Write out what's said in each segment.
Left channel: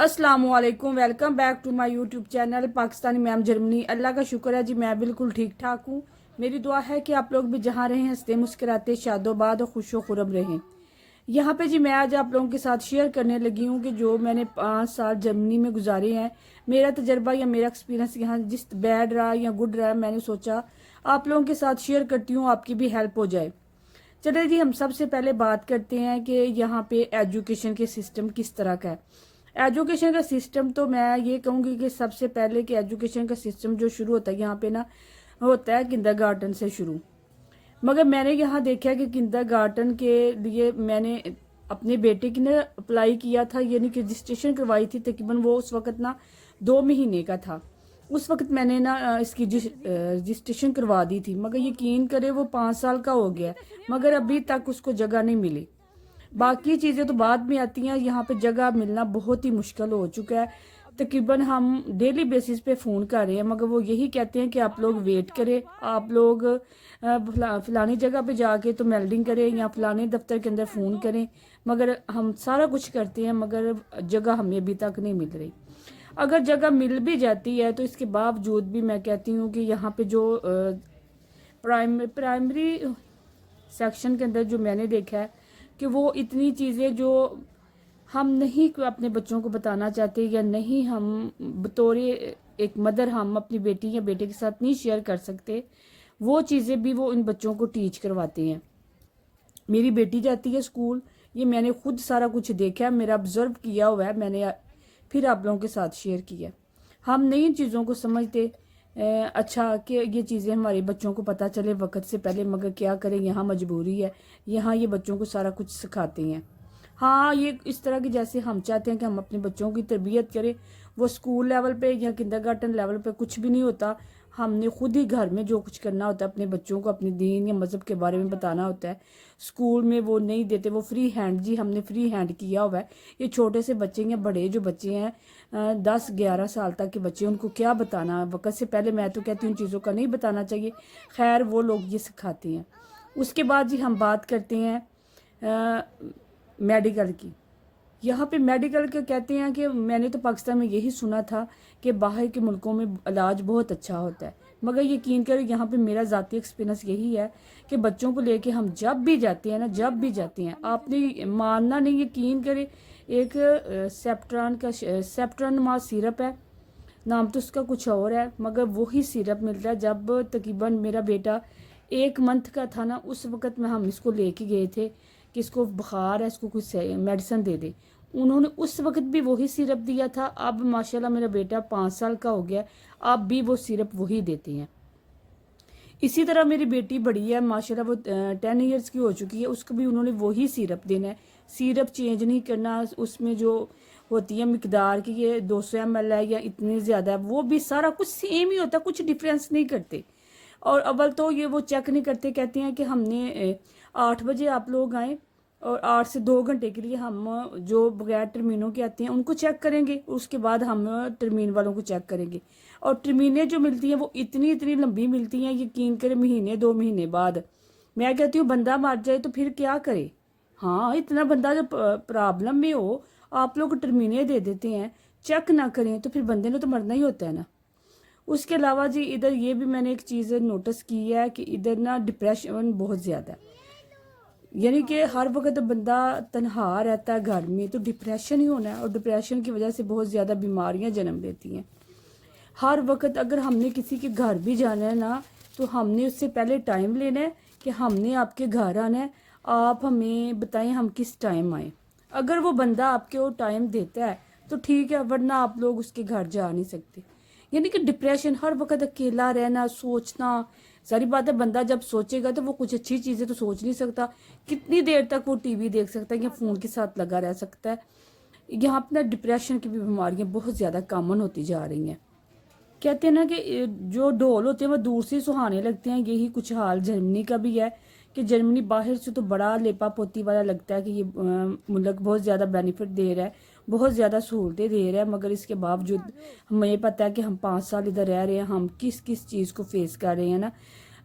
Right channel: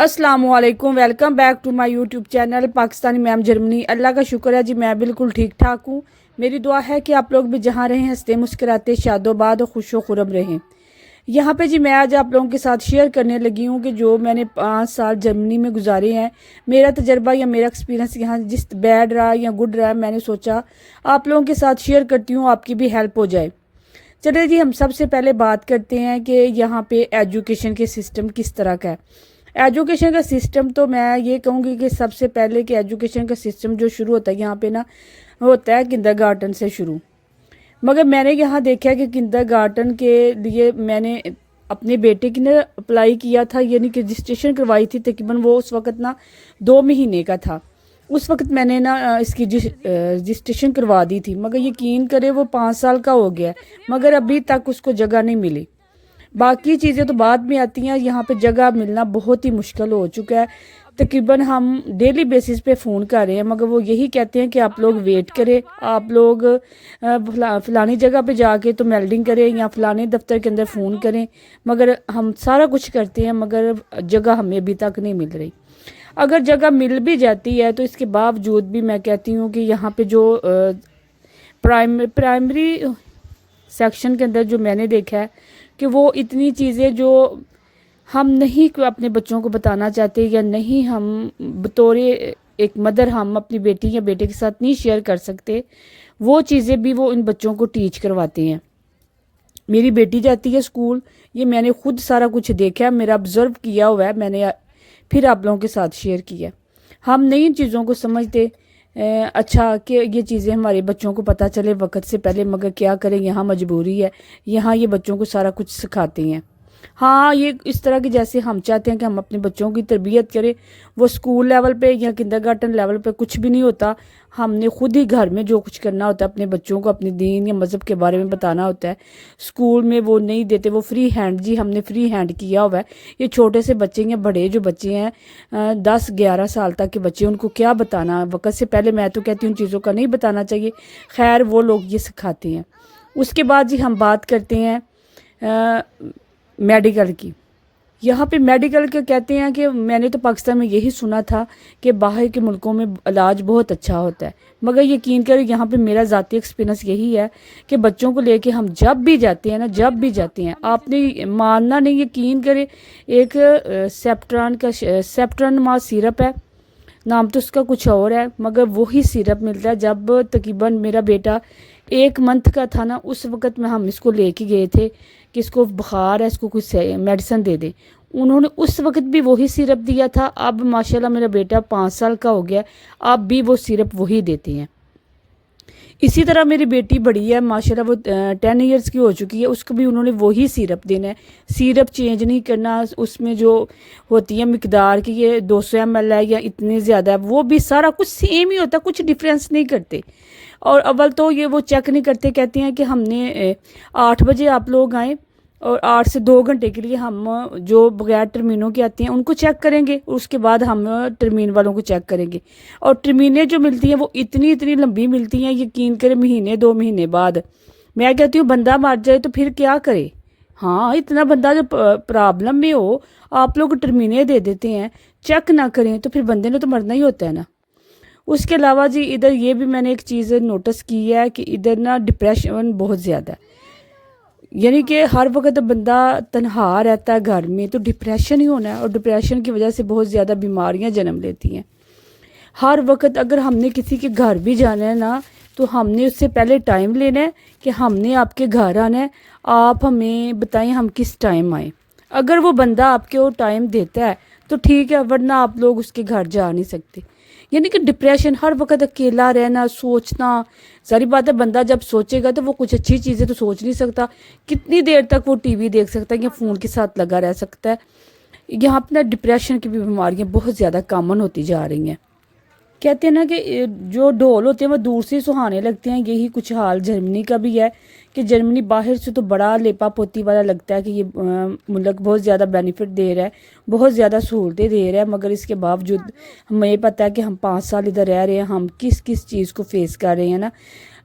अस्सलाम वालेकुम, welcome back to my YouTube channel Pakistani ma'am Germany. Allah का शुक्र है जी, मैं बिल्कुल ठीक ठाक हूँ। मेरी दुआ है कि आप लोग भी जहाँ रहें हंसते मुस्कुराते शादोबाद और खुशो खुरम रहें। यहाँ पे जी मैं आज आप लोगों के साथ शेयर करने लगी हूँ कि जो मैंने 5 साल जर्मनी में गुजारे हैं, मेरा तजर्बा या मेरा एक्सपीरियंस यहाँ जिस बैड रहा या गुड रहा, मैंने सोचा आप लोगों के साथ शेयर करती हूँ, आपकी भी हेल्प हो जाए। चलिए जी, हम सबसे पहले बात करते हैं कि यहाँ पे एजुकेशन के सिस्टम किस तरह का है। एजुकेशन का सिस्टम तो मैं ये कहूँगी कि सबसे पहले कि एजुकेशन का सिस्टम जो शुरू होता है यहाँ पे ना, होता है किंडरगार्टन से शुरू। मगर मैंने यहाँ देखा है कि किंडरगार्टन के लिए मैंने अपने बेटे की ना अप्लाई किया था, यानी कि रजिस्ट्रेशन करवाई थी। तकरीबन वो उस वक्त ना 2 महीने का था। उस वक्त मैंने ना इसकी रजिस्ट्रेशन करवा दी थी, मगर यकीन करे वो 5 साल का हो गया है, मगर अभी तक उसको जगह नहीं मिली। बाकी चीज़ें तो बाद में आती हैं, यहाँ पे जगह मिलना बहुत ही मुश्किल हो चुका है। तकरीबन हम डेली बेसिस पे फ़ोन कर रहे हैं, मगर वो यही कहते हैं कि आप लोग वेट करें, आप लोग फलानी जगह पे जाके तो मेल्डिंग करें या फलाने दफ्तर के अंदर फ़ोन करें। मगर हम सारा कुछ करते हैं, मगर जगह हमें अभी तक नहीं मिल रही। अगर जगह मिल भी जाती है तो इसके बावजूद भी मैं कहती हूँ कि यहाँ पे जो प्राइमरी सेक्शन के अंदर जो मैंने देखा है कि वो इतनी चीज़ें जो हम नहीं अपने बच्चों को बताना चाहते या नहीं हम बतौर एक मदर हम अपनी बेटी या बेटे के साथ नहीं शेयर कर सकते, वो चीज़ें भी वो इन बच्चों को टीच करवाते हैं। मेरी बेटी जाती है स्कूल, ये मैंने खुद सारा कुछ देखा है, मेरा ऑब्ज़र्व किया हुआ है, मैंने फिर आप लोगों के साथ शेयर किया। हम नई चीज़ों को समझते अच्छा कि ये चीज़ें हमारे बच्चों को पता चले वक्त से पहले, मगर क्या करें, यहाँ मजबूरी है, यहाँ ये बच्चों को सारा कुछ सिखाते हैं। हाँ, ये इस तरह की जैसे हम चाहते हैं कि हम अपने बच्चों की तरबियत करें, वो स्कूल लेवल पे या किंडरगार्टन लेवल पे कुछ भी नहीं होता। हमने खुद ही घर में जो कुछ करना होता है, अपने बच्चों को अपने दीन या मज़हब के बारे में बताना होता है। स्कूल में वो नहीं देते, वो फ्री हैंड, जी हमने फ्री हैंड किया हुआ है। ये छोटे से बच्चे या बड़े जो बच्चे हैं 10-11 साल तक के बच्चे, उनको क्या बताना वक्त से पहले, मैं तो कहती हूँ उन चीज़ों का नहीं बताना चाहिए। खैर वो लोग ये सिखाते हैं। उसके बाद जी हम बात करते हैं मेडिकल की। यहाँ पे मेडिकल के कहते हैं कि मैंने तो पाकिस्तान में यही सुना था कि बाहर के मुल्कों में इलाज बहुत अच्छा होता है, मगर यकीन करें यहाँ पे मेरा ज़ाती एक्सपीरियंस यही है कि बच्चों को लेके हम जब भी जाते हैं ना, जब भी जाते हैं, आपने मानना नहीं, यकीन करें, एक सेप्ट्रान माँ सिरप है, नाम तो उसका कुछ और है, मगर वही सिरप मिलता है। जब तकरीबन मेरा बेटा 1 मंथ का था ना, उस वक़्त में हम इसको लेके गए थे कि इसको बुखार है, इसको कुछ मेडिसिन दे दे। उन्होंने उस वक्त भी वही सिरप दिया था। अब माशाल्लाह मेरा बेटा 5 साल का हो गया, अब भी वो सिरप वही देते हैं। इसी तरह मेरी बेटी बड़ी है माशाल्लाह, वो 10 ईयर्स की हो चुकी है, उसको भी उन्होंने वही सिरप देना है। सिरप चेंज नहीं करना, उसमें जो होती है मिकदार की ये 200 ml है या इतनी ज़्यादा है, वो भी सारा कुछ सेम ही होता है, कुछ डिफरेंस नहीं करते। और अव्वल तो ये वो चेक नहीं करते, कहते हैं कि हमने 8 बजे आप लोग आए और 8 से 2 घंटे के लिए हम जो बगैर टर्मीनों के आते हैं उनको चेक करेंगे, उसके बाद हम टर्मीन वालों को चेक करेंगे। और टर्मीनें जो मिलती हैं वो इतनी इतनी लंबी मिलती हैं, यकीन करें महीने 2 महीने बाद। मैं कहती हूँ बंदा मर जाए तो फिर क्या करे। हाँ, इतना बंदा जो प्रॉब्लम में हो, आप लोग टर्मीनें दे देते हैं, चेक ना करें तो फिर बंदे ने तो मरना ही होता है ना। उसके अलावा जी इधर ये भी मैंने एक चीज़ नोटिस की है कि इधर ना डिप्रेशन बहुत ज़्यादा है, यानी कि हर वक्त बंदा तनहा रहता है घर में, तो डिप्रेशन ही होना है, और डिप्रेशन की वजह से बहुत ज़्यादा बीमारियां जन्म लेती हैं। हर वक्त अगर हमने किसी के घर भी जाना है ना, तो हमने उससे पहले टाइम लेना है कि हमने आपके घर आना है, आप हमें बताएं हम किस टाइम आए। अगर वो बंदा आपके वो टाइम देता है तो ठीक है, वरना आप लोग उसके घर जा नहीं सकते। यानी कि डिप्रेशन, हर वक्त अकेला रहना, सोचना, सारी बात है, बंदा जब सोचेगा तो वो कुछ अच्छी चीज़ें तो सोच नहीं सकता। कितनी देर तक वो टीवी देख सकता है या फ़ोन के साथ लगा रह सकता है। यहाँ अपना डिप्रेशन की भी बीमारियाँ बहुत ज़्यादा कॉमन होती जा रही हैं। कहते हैं ना कि जो ढोल होते हैं वो दूर से सुहाने लगते हैं, यही कुछ हाल जर्मनी का भी है कि जर्मनी बाहर से तो बड़ा लेपा पोती वाला लगता है कि ये मुल्क बहुत ज़्यादा बेनिफिट दे रहा है, बहुत ज़्यादा सहूलतें दे रहा है, मगर इसके बावजूद हमें पता है कि हम 5 साल इधर रह रहे हैं, हम किस किस चीज़ को फेस कर रहे हैं ना।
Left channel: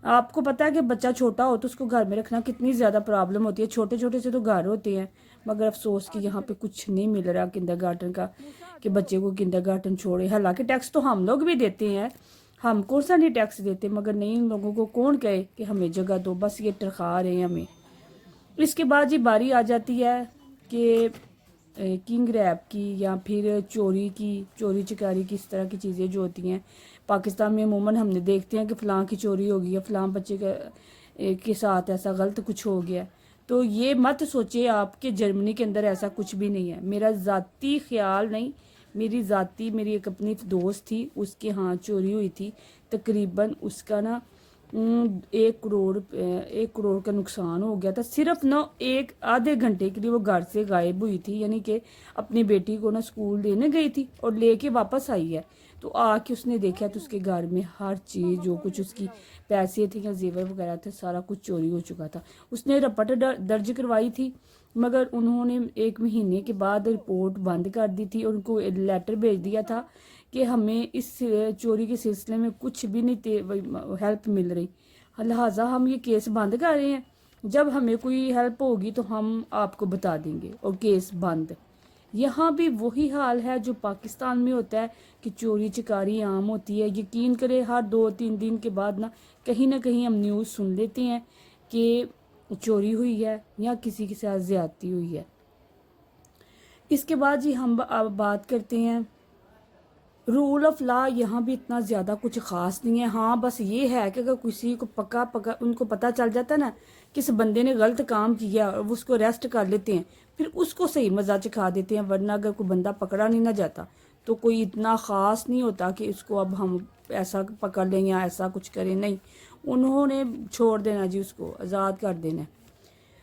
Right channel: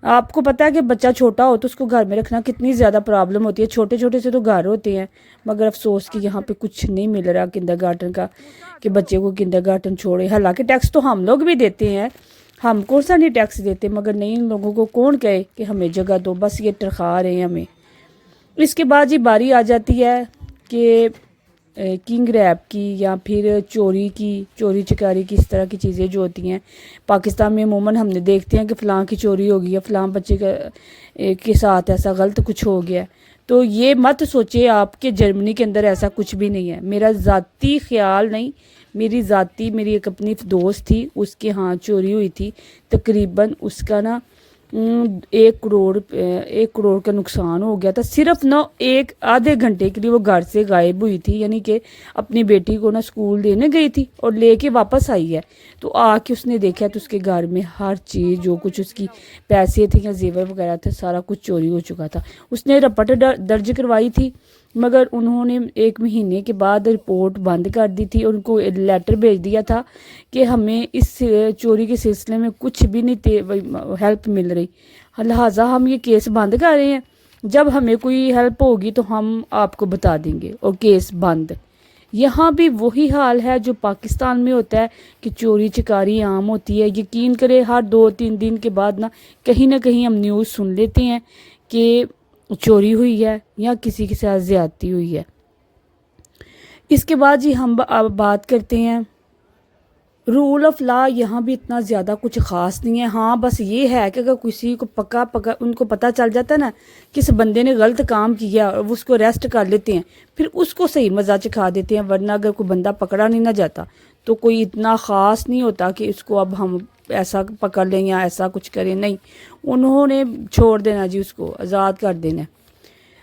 आपको पता है कि बच्चा छोटा हो तो उसको घर में रखना कितनी ज़्यादा प्रॉब्लम होती है। छोटे छोटे से तो घर होते हैं, मगर अफसोस कि यहाँ पे कुछ नहीं मिल रहा किंडरगार्टन का। کہ بچے کو کنڈر گارٹن چھوڑے. حالانکہ ٹیکس تو ہم لوگ بھی دیتے ہیں, ہم کون سا نہیں ٹیکس دیتے, مگر نہیں, ان لوگوں کو کون کہے کہ ہمیں جگہ دو, بس یہ ٹرخا رہے ہیں ہمیں. اس کے بعد یہ باری آ جاتی ہے کہ کنگ ریپ کی یا پھر چوری چکاری کی, اس طرح کی چیزیں جو ہوتی ہیں پاکستان میں عموماً ہم نے دیکھتے ہیں کہ فلاں کی چوری ہو گئی ہے, فلاں بچے کے ساتھ ایسا غلط کچھ ہو گیا. تو یہ مت سوچے آپ کہ جرمنی کے اندر ایسا کچھ بھی نہیں ہے. میرا ذاتی خیال نہیں, میری ایک اپنی دوست تھی, اس کے ہاں چوری ہوئی تھی, تقریباً اس کا نا 1 کروڑ کا نقصان ہو گیا تھا, صرف نا ایک آدھے گھنٹے کے لیے وہ گھر سے غائب ہوئی تھی. یعنی کہ اپنی بیٹی کو نا اسکول دینے گئی تھی اور لے کے واپس آئی ہے. تو آ کے اس نے دیکھا تو اس کے گھر میں ہر چیز, جو کچھ اس کی پیسے تھے یا زیور وغیرہ تھے, سارا کچھ چوری ہو چکا تھا. اس نے رپورٹ درج کروائی تھی, مگر انہوں نے 1 مہینے کے بعد رپورٹ بند کر دی تھی اور ان کو لیٹر بھیج دیا تھا کہ ہمیں اس چوری کے سلسلے میں کچھ بھی نہیں ہیلپ مل رہی, لہٰذا ہم یہ کیس بند کر رہے ہیں. جب ہمیں کوئی ہیلپ ہوگی تو ہم آپ کو بتا دیں گے, اور کیس بند. یہاں بھی وہی حال ہے جو پاکستان میں ہوتا ہے کہ چوری چکاری عام ہوتی ہے. یقین کرے ہر 2-3 دن کے بعد نہ کہیں ہم نیوز سن لیتے ہیں کہ چوری ہوئی ہے یا کسی کے ساتھ زیادتی ہوئی ہے. اس کے بعد جی ہم بات کرتے ہیں رول آف لا. یہاں بھی اتنا زیادہ کچھ خاص نہیں ہے. ہاں بس یہ ہے کہ اگر کسی کو پکا ان کو پتہ چل جاتا ہے نا کہ اس بندے نے غلط کام کیا اور وہ اس کو ریسٹ کر لیتے ہیں, پھر اس کو صحیح مزہ چکھا دیتے ہیں. ورنہ اگر کوئی بندہ پکڑا نہیں نہ جاتا تو کوئی اتنا خاص نہیں ہوتا کہ اس کو اب ہم ایسا پکڑ لیں یا ایسا کچھ کریں. نہیں, انہوں نے چھوڑ دینا جی, اس کو آزاد کر دینا.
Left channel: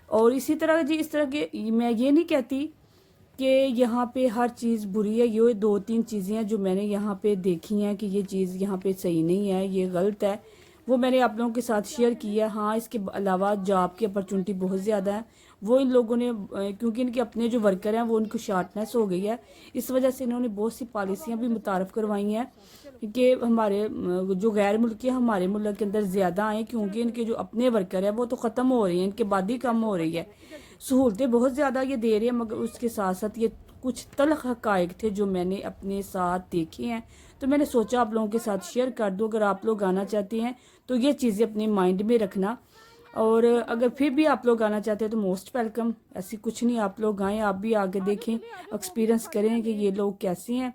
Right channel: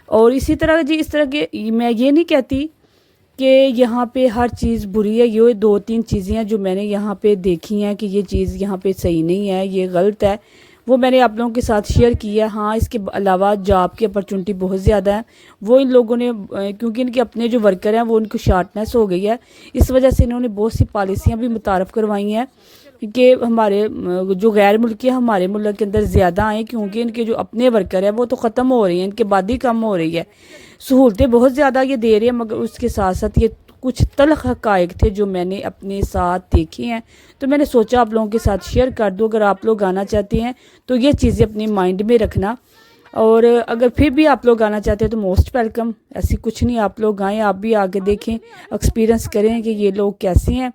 اور اسی طرح جی, اس طرح کے میں یہ نہیں کہتی کہ یہاں پہ ہر چیز بری ہے. یہ 2-3 چیزیں ہیں جو میں نے یہاں پہ دیکھی ہیں کہ یہ چیز یہاں پہ صحیح نہیں ہے, یہ غلط ہے, وہ میں نے آپ لوگوں کے ساتھ شیئر کیا ہے. ہاں, اس کے علاوہ جاب کی اپرچونٹی بہت زیادہ ہے. وہ ان لوگوں نے, کیونکہ ان کے اپنے جو ورکر ہیں وہ ان کو شارٹنیس ہو گئی ہے, اس وجہ سے انہوں نے بہت سی پالیسیاں بھی متعارف کروائی ہیں کہ ہمارے جو غیر ملکی ہمارے ملک کے اندر زیادہ آئیں, کیونکہ ان کے جو اپنے ورکر ہیں وہ تو ختم ہو رہی ہیں, ان کے بعد ہی کم ہو رہی ہے. سہولتیں بہت زیادہ یہ دے رہے ہیں, مگر اس کے ساتھ ساتھ یہ کچھ تلخ حقائق تھے جو میں نے اپنے ساتھ دیکھے ہیں, تو میں نے سوچا آپ لوگوں کے ساتھ شیئر کر دوں. اگر آپ لوگ آنا چاہتے ہیں تو یہ چیزیں اپنے مائنڈ میں رکھنا, اور اگر پھر بھی آپ لوگ آنا چاہتے ہیں تو موسٹ ویلکم. ایسی کچھ نہیں, آپ لوگ آئیں, آپ بھی آگے دیکھیں, ایکسپیرینس کریں کہ یہ لوگ کیسے ہیں.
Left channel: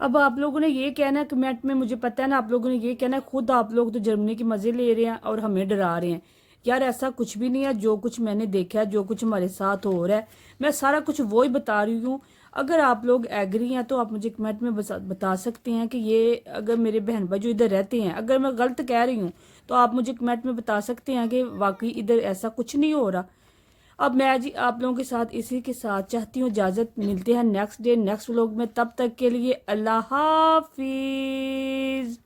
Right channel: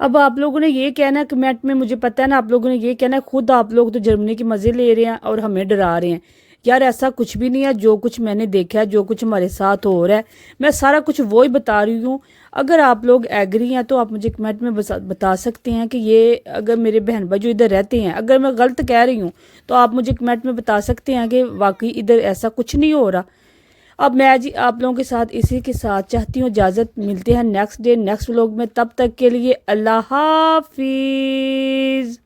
اب آپ لوگوں نے یہ کہنا ہے کمنٹ میں, مجھے پتہ ہے نا آپ لوگوں نے یہ کہنا ہے خود آپ لوگ تو جرمنی کے مزے لے رہے ہیں اور ہمیں ڈرا رہے ہیں. یار ایسا کچھ بھی نہیں ہے. جو کچھ میں نے دیکھا ہے, جو کچھ ہمارے ساتھ ہو رہا ہے, میں سارا کچھ وہی بتا رہی ہوں. اگر آپ لوگ ایگری ہیں تو آپ مجھے کمنٹ میں بتا سکتے ہیں کہ یہ اگر میرے بہن بھائی جو ادھر رہتے ہیں, اگر میں غلط کہہ رہی ہوں تو آپ مجھے کمنٹ میں بتا سکتے ہیں کہ واقعی ادھر ایسا کچھ نہیں ہو رہا. اب میں جی آپ لوگوں کے ساتھ اسی کے ساتھ چاہتی ہوں اجازت. ملتے ہیں نیکسٹ ڈے نیکسٹ ولاگ میں, تب تک کے لیے اللہ حافظ.